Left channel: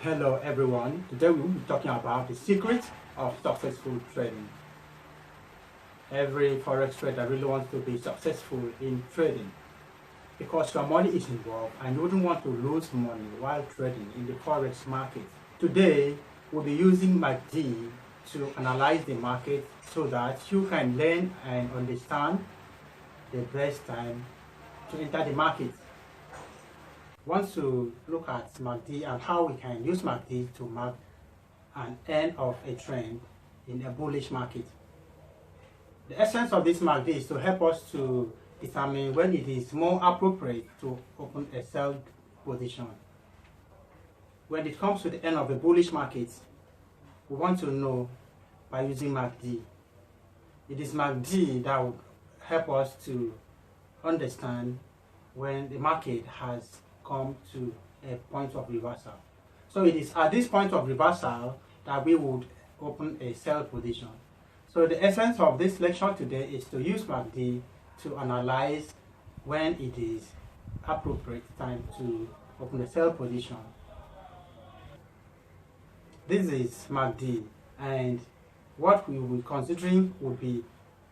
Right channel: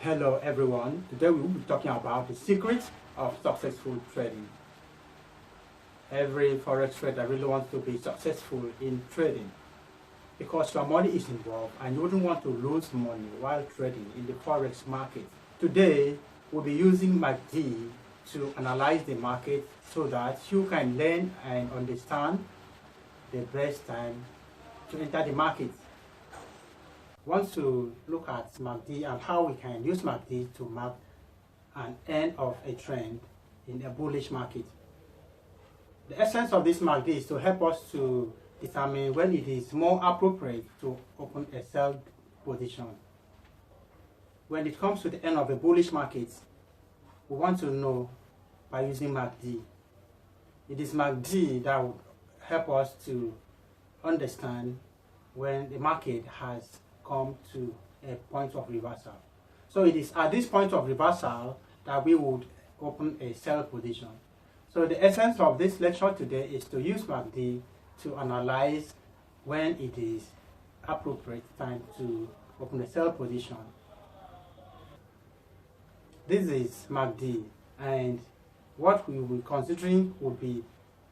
Hello everyone, today we will be talking about the secrets of successful trading. Every forex trader really wants to be successful in trading because your money is involved and you wouldn't want to lose money while trading in the forex market. Today we'll be using MACD to analyze the market so that you can learn and understand the best time to enter the market. Want to look at MACD and how we can use MACD to mark an end of a trend in a bullish market. The essence of this MACD is to help us to determine when it is more appropriate to open a sell position. When it comes to the end of a bullish market, we want to know by using MACD. It is MACD that will help us to understand when the market has come to a point of reversal. So it is at this point of reversal that we would open a sell position. So the essence of this lecture today is to use MACD to analyze when it is appropriate time to open a sell position. This is MACD, and what we will be considering would be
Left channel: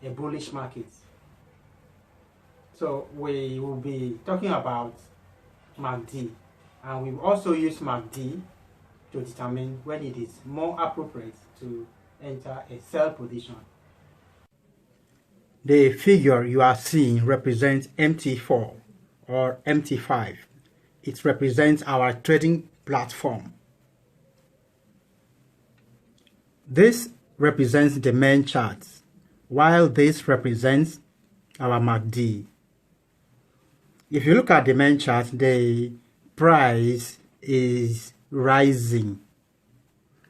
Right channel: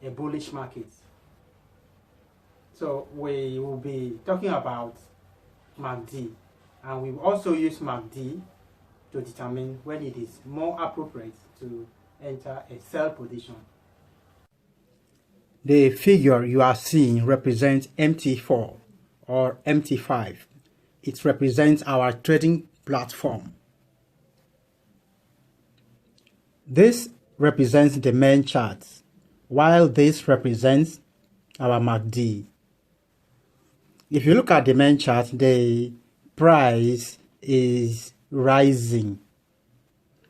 a bullish market. So we will be talking about MACD, and we will also use MACD to determine when it is more appropriate to enter a sell position. The figure you are seeing represents MT4 or MT5. It represents our trading platform. This represents the main chart, while this represents our MACD. If you look at the main chart, the price is rising,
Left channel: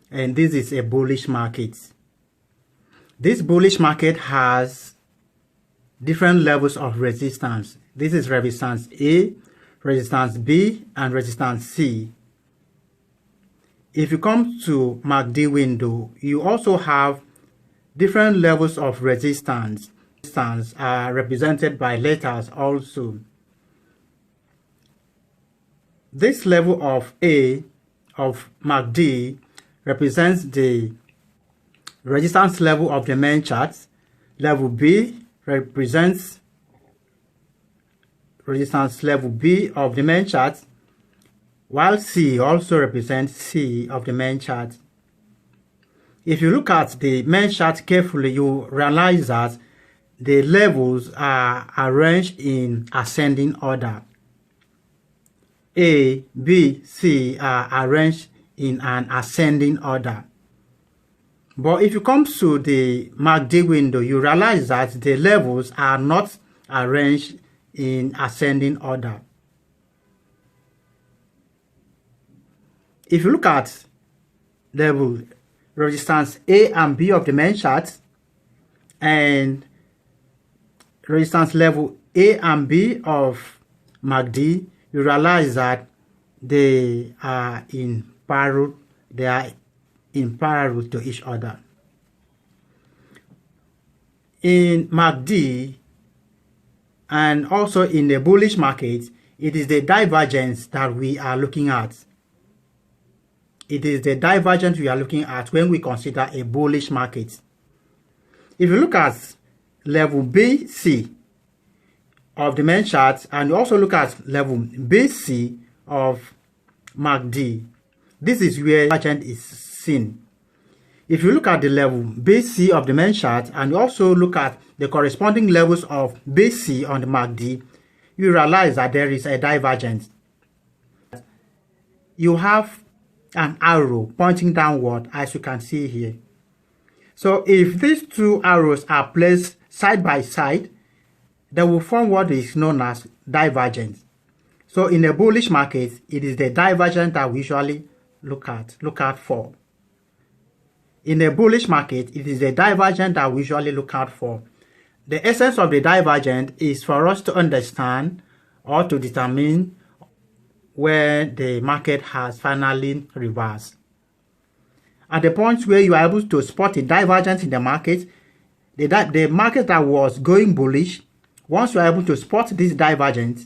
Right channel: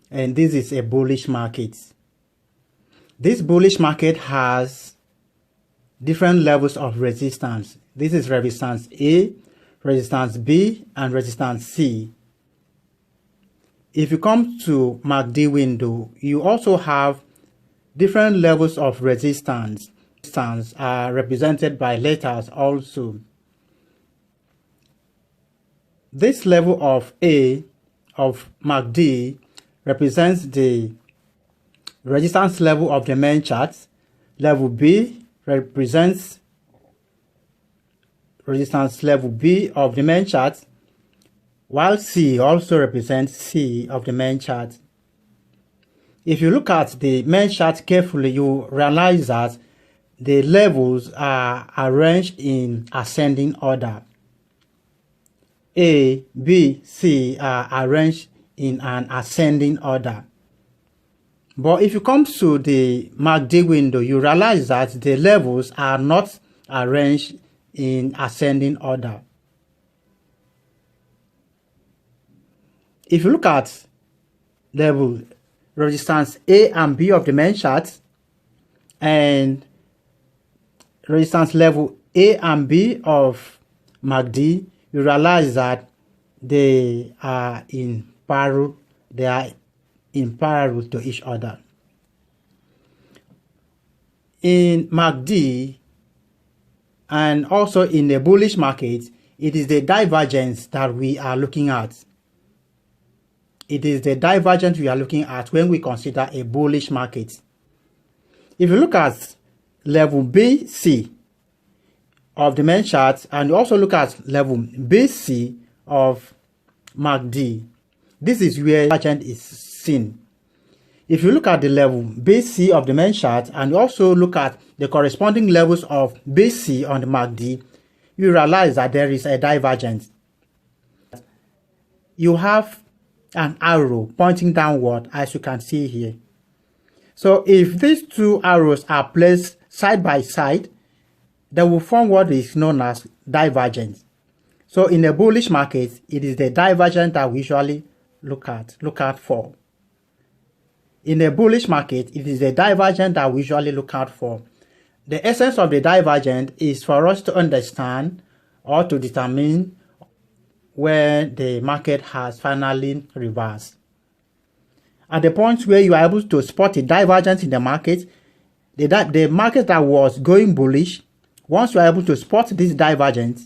and this is a bullish market. This bullish market has different levels of resistance. This is resistance A, resistance B, and resistance C. If you come to MACD window, you also have different levels of resistance. Resistance are represented by letters also. This level of A of MACD represents the resistance level of the main chart. Level B represents resistance level B of the main chart, while C also represents C of the main chart. If you look at the main chart carefully, you realize that the levels are arranged in ascending order. A, B, C are arranged in an ascending order. But if you come to the MACD window, you realize that the levels are not arranged in ascending order. If you look at level resistance A and B of the main chart and resistance level A and B of MACD, you realize that they are in parallel to each other. In MACD and also in the bullish market, it is the divergence that we are looking at. It is the divergence we are looking at when we consider a bullish market. If you look at level BC of the main chart and you also look at level BC of MACD, this is where divergence is seen. If you look at the level BC of the main chart and you also look at the corresponding levels of BC on the MACD, you realize that there is a divergence. You have an arrow pointing downward, as you can see here. So if these two arrows are placed side by side, they will form what is known as divergence. So in a bullish market, it is the divergence that we usually look out for. In a bullish market, it is the divergence that we usually look out for. The essence of the divergence is for us to understand or to determine where the market has finally reversed. At the point where you are able to spot a divergence in the market, the market that was going bullish, once you are able to spot this divergence,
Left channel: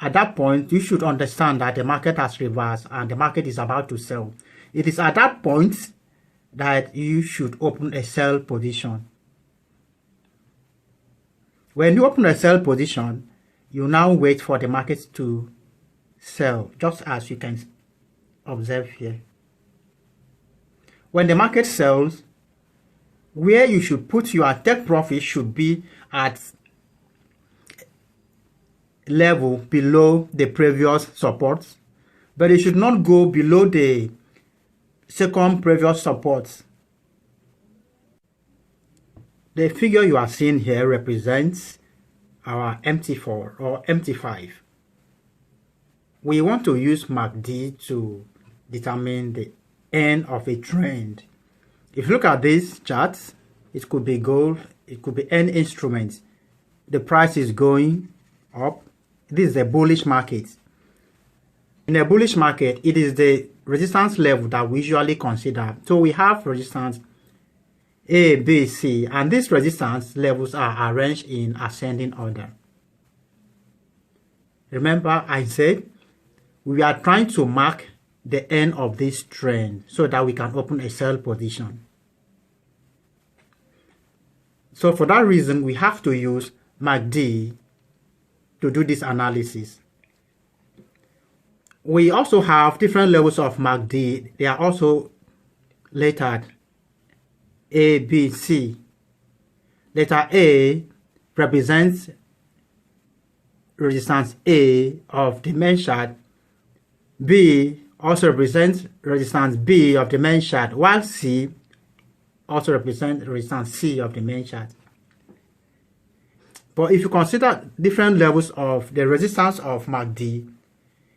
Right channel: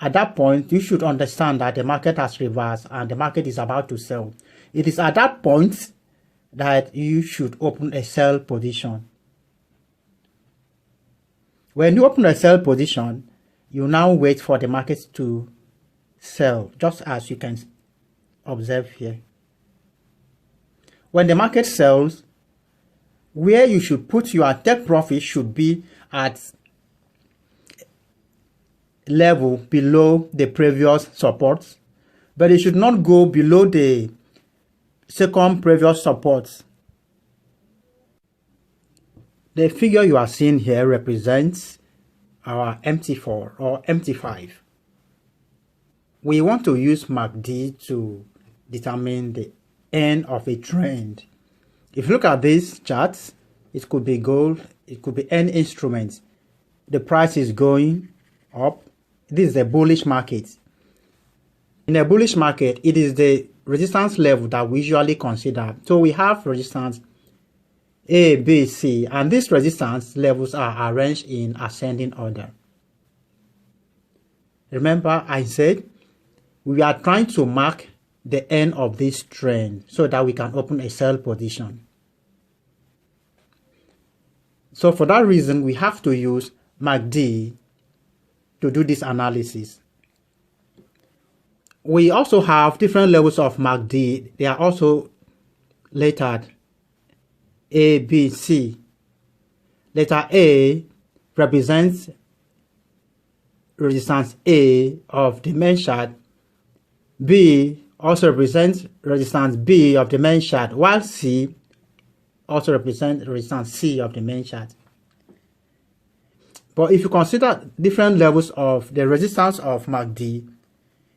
at that point, you should understand that the market has reversed and the market is about to sell. It is at that point that you should open a sell position. When you open a sell position, you now wait for the market to sell, just as you can observe here. When the market sells, where you should put your take profit should be at level below the previous support, but it should not go below the second previous support. The figure you are seeing here represents our MT4 or MT5. We want to use MACD to determine the end of a trend. If you look at these charts, it could be gold, it could be any instrument. The price is going up. This is a bullish market. In a bullish market, it is the resistance level that we usually consider. So we have resistance A, B, C, and these resistance levels are arranged in ascending order. Remember, I said we are trying to mark the end of this trend so that we can open a sell position. So for that reason, we have to use MACD to do this analysis. We also have different levels of MACD. They are also lettered A, B, C. Letter A represents resistance A of the main chart. B also represents resistance B of the main chart, while C also represents resistance C of the main chart. But if you consider different levels of the resistance of MACD,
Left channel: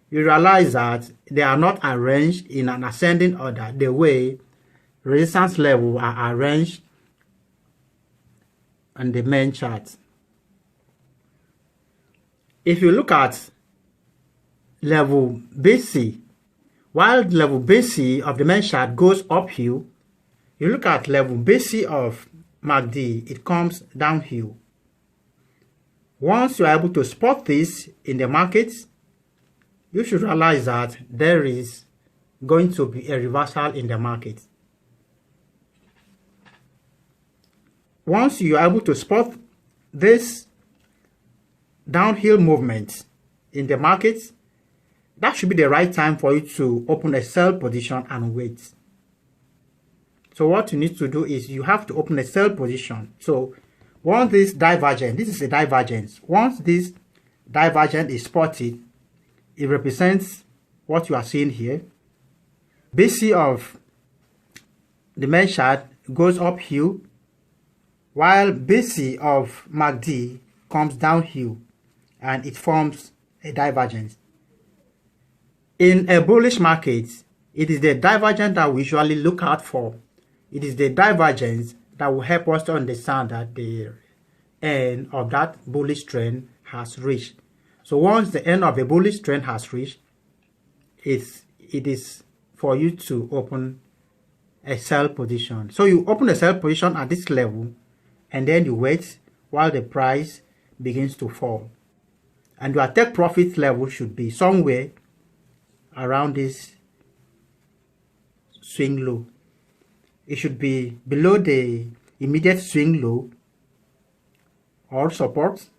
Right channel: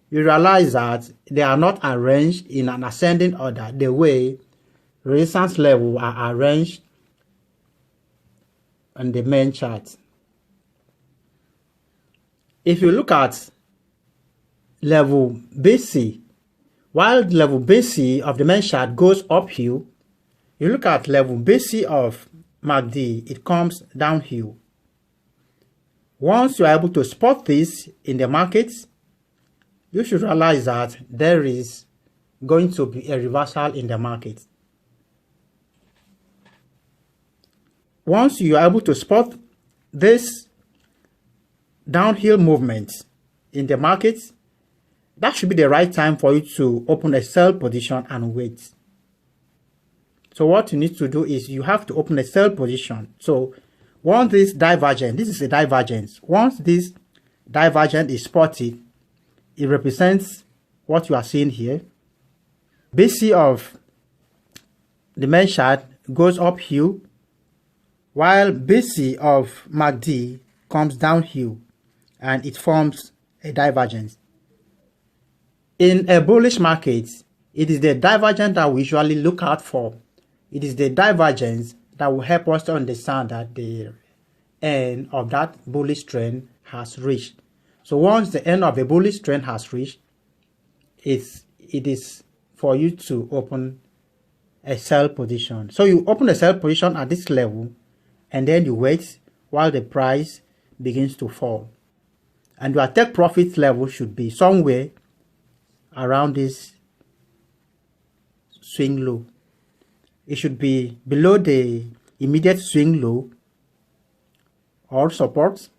you realize that they are not arranged in an ascending order the way resistance levels are arranged on the main chart. If you look at level BC, while level BC of the main chart goes uphill, you look at level BC of MACD, it comes downhill. Once you are able to spot this in the market, you should realize that there is going to be a reversal in the market. Once you are able to spot this downhill movement in the market, that should be the right time for you to open a sell position and wait. So what you need to do is you have to open a sell position. So once this divergence, this is a divergence. Once this divergence is spotted, it represents what you are seeing here. BC of the main chart goes uphill, while BC of MACD comes downhill, and it forms a divergence. In a bullish market, it is the divergence that we usually look out for. It is the divergence that will help us to understand that the end of that bullish trend has reached. So once the end of the bullish trend has reached, it is for you to open a sell position. So you open a sell position at this level, and then you wait while the price begins to fall. And your take profit level should be somewhere around this swing low. It should be below the immediate swing low or support,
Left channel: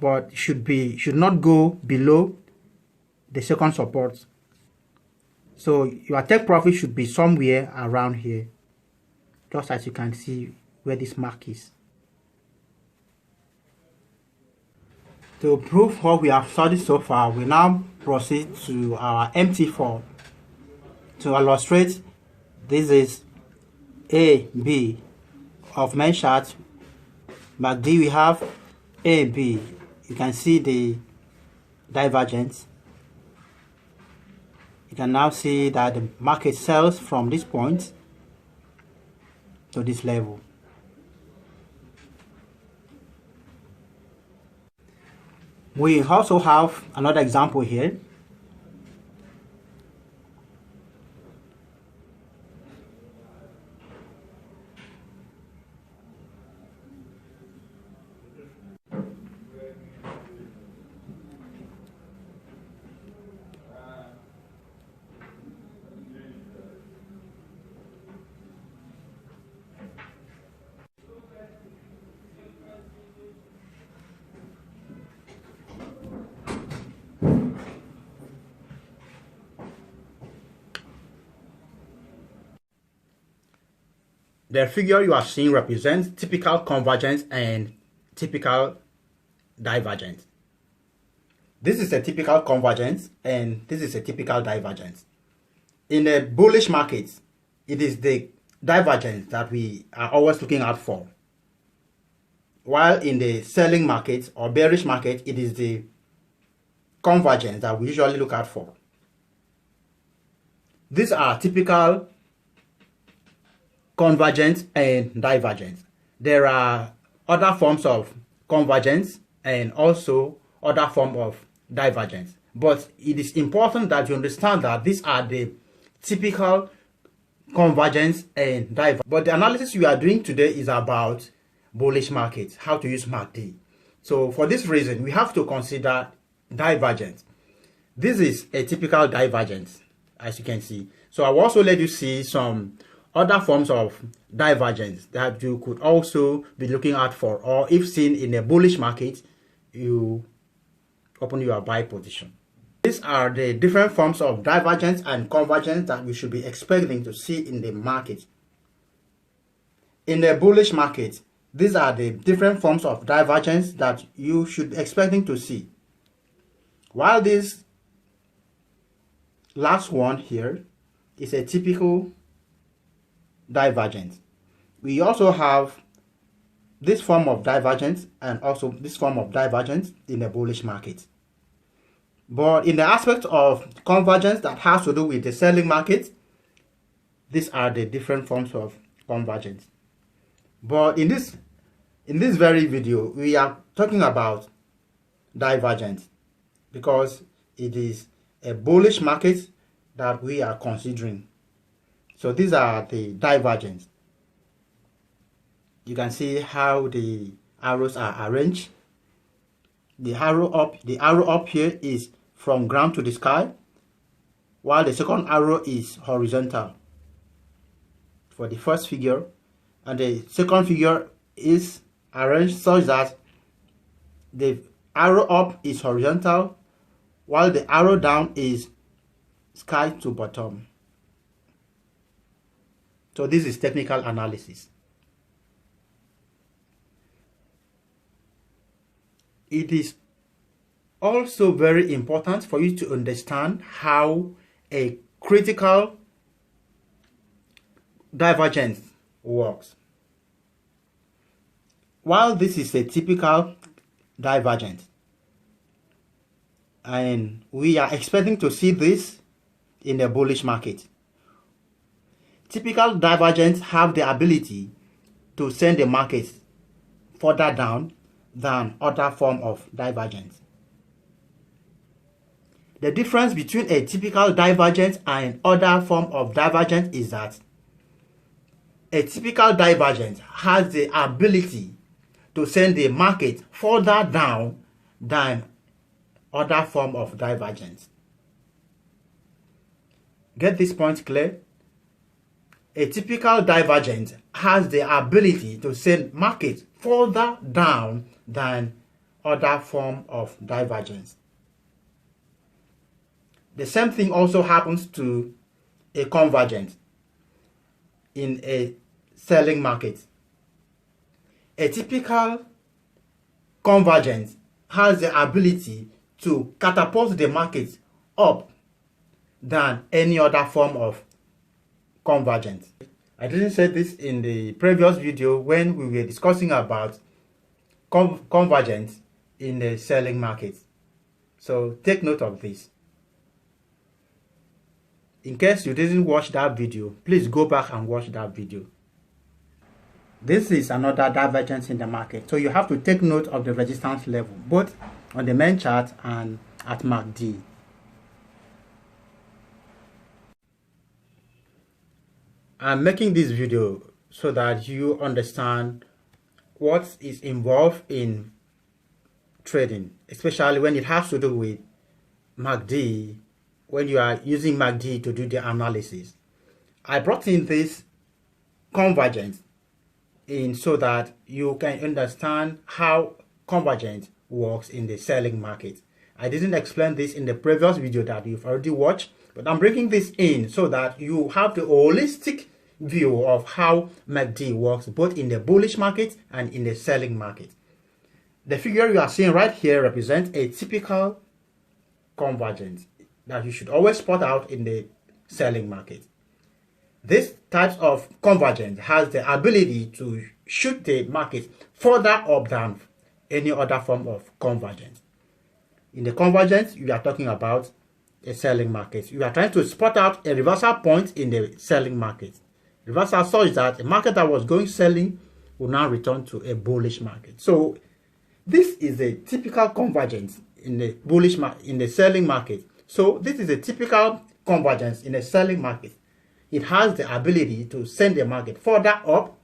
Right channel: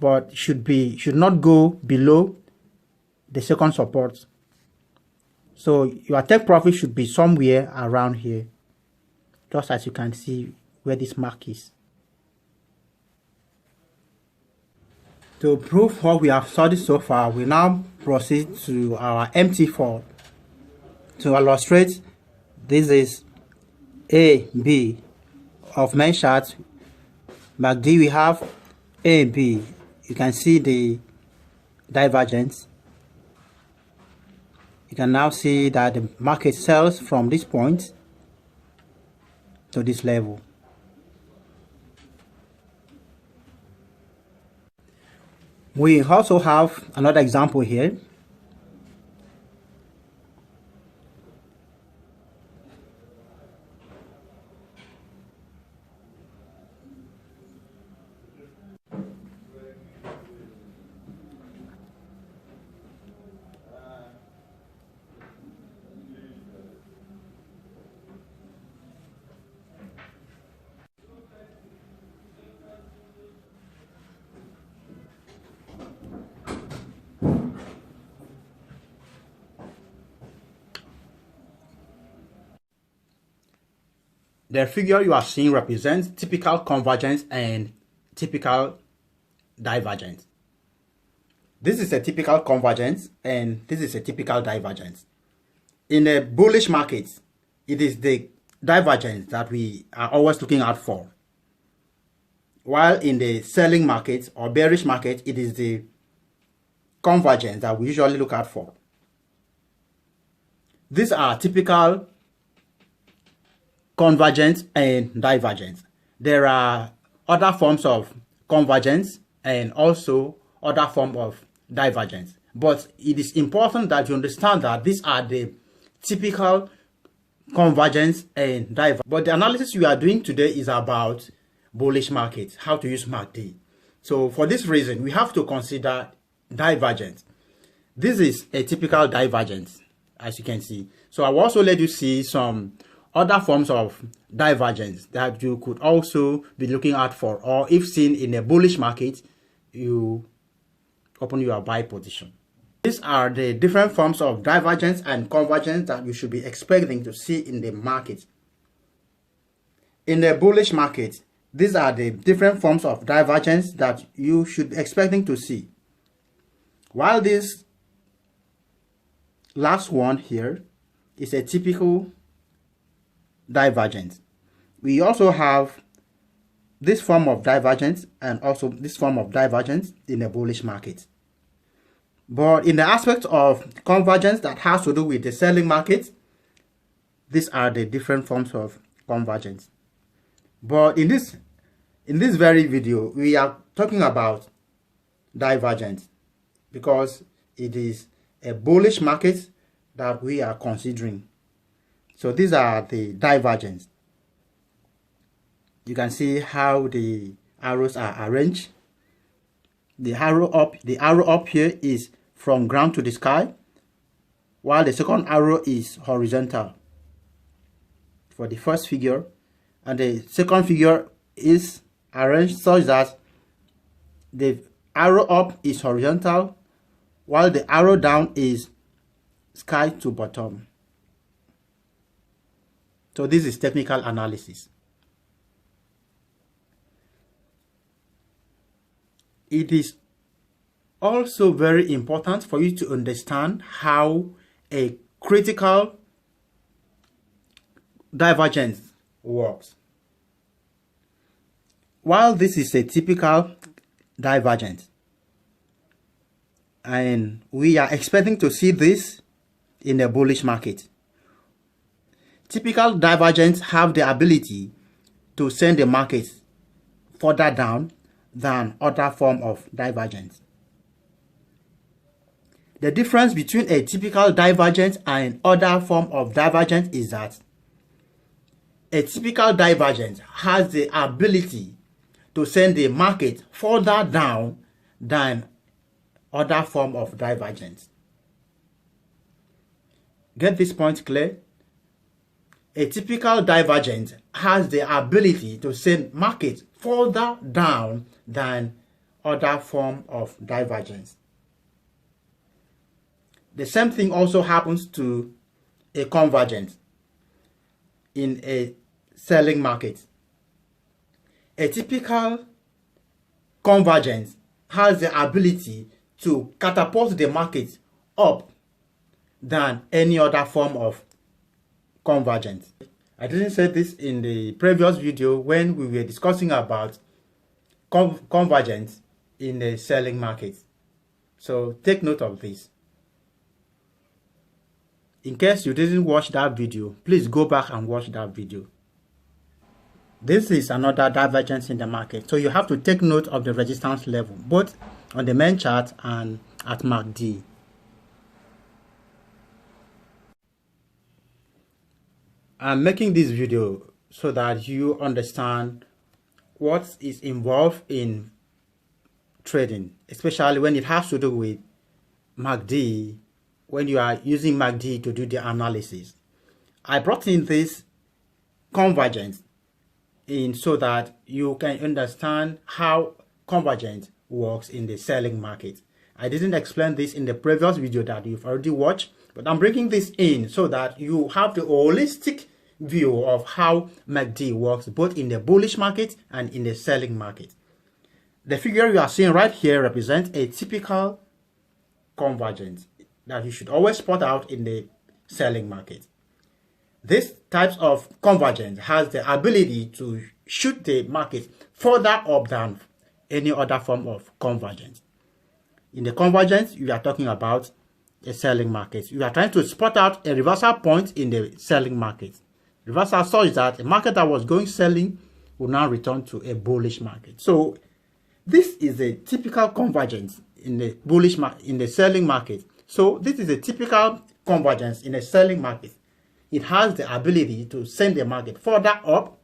but should not go below the second support. So your take profit should be somewhere around here, just as you can see where this mark is. To prove what we have studied so far, we now proceed to our MT4. To illustrate, this is A, B of main chart. MACD we have A, B. You can see the divergence. You can now see that the market sells from this point to this level. We also have another example here. The figure you are seeing represents typical convergence and typical divergence. This is a typical convergence and this is a typical divergence. In a bullish market, it is the divergence that we are always looking out for. While in the selling market or bearish market, it is the convergence that we usually look out for. These are typical convergence and divergence. There are other forms of convergence and also other form of divergence. But it is important that you understand that these are the typical convergence and divergence. But the analysis we are doing today is about bullish markets, how to use MACD. So for this reason, we have to consider divergence. This is a typical divergence, as you can see. So I will also let you see some other forms of divergence that you could also be looking out for, or if seen in a bullish market, you open your buy position. These are the different forms of divergence and convergence that we should be expecting to see in the market. In the bullish market, these are the different forms of divergence that you should be expecting to see. While this last one here is a typical divergence, we also have this form of divergence and also this form of divergence in the bullish market. But in the aspect of convergence that has to do with the selling market, these are the different forms of convergence. But in this very video, we are talking about divergence because it is a bullish market that we are considering. So these are the divergence. You can see how the arrows are arranged. The arrow up here is from ground to the sky, while the second arrow is horizontal for the first figure, and the second figure is arranged such that the arrow up is horizontal while the arrow down is sky to bottom. So this is technical analysis. It is also very important for you to understand how a critical divergence works. While this is a typical divergence, and we are expecting to see this in the bullish market, typical divergence have the ability to send the market further down than other form of divergence. The difference between a typical divergence and other form of divergence is that a typical divergence has the ability to send the market further down than other form of divergence. Get this point clear? A typical divergence has the ability to send market further down than other form of divergence. The same thing also happens to a convergence in a selling market. A typical convergence has the ability to catapult the market up than any other form of convergence. I didn't say this in the previous video when we were discussing about convergence in the selling market. So take note of this. In case you didn't watch that video, please go back and watch that video. This is another divergence in the market. So you have to take note of the resistance level, both on the main chart and at MACD. I'm making this video so that you understand what is involved in trading, especially when it has to do with MACD, when you are using MACD to do the analysis. I brought in this convergence in so that you can understand how convergence works in the selling market. I didn't explain this in the previous video that you've already watched, but I'm bringing this in so that you have the holistic view of how MACD works both in the bullish market and in the selling market. The figure you are seeing right here represents a typical convergence that you should always spot out in the selling market. This type of convergence has the ability to shoot the market further up than any other form of convergence. In the convergence, you are talking about a selling market. You are trying to spot out a reversal point in the selling market. Reversal such that a market that was going selling will now return to a bullish market. So this is a typical convergence in the in the selling market. So this is a typical convergence in a selling market. It has the ability to send the market further up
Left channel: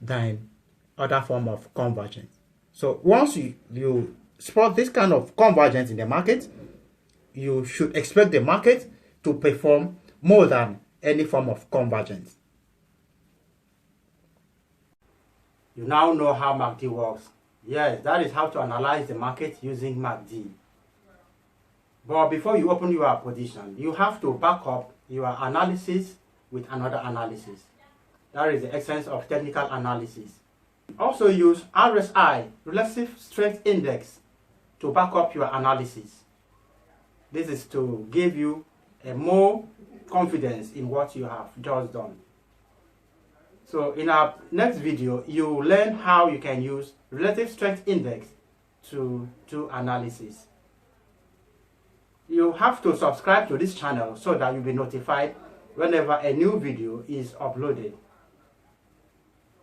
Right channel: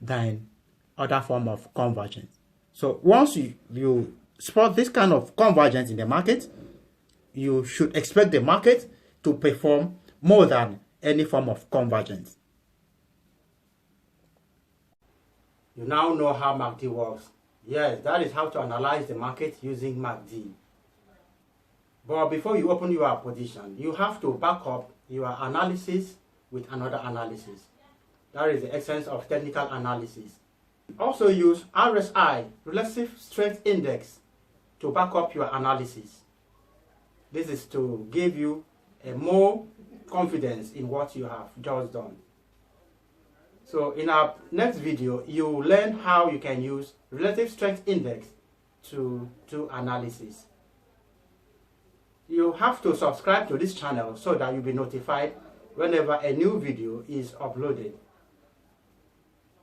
than other form of convergence. So once you spot this kind of convergence in the market, you should expect the market to perform more than any form of convergence. You now know how MACD works. Yes, that is how to analyze the market using MACD. But before you open your position, you have to back up your analysis with another analysis. That is the essence of technical analysis. Also use RSI, Relative Strength Index, to back up your analysis. This is to give you a more confidence in what you have just done. So in our next video, you will learn how you can use Relative Strength Index to do analysis. You have to subscribe to this channel so that you'll be notified whenever a new video is uploaded.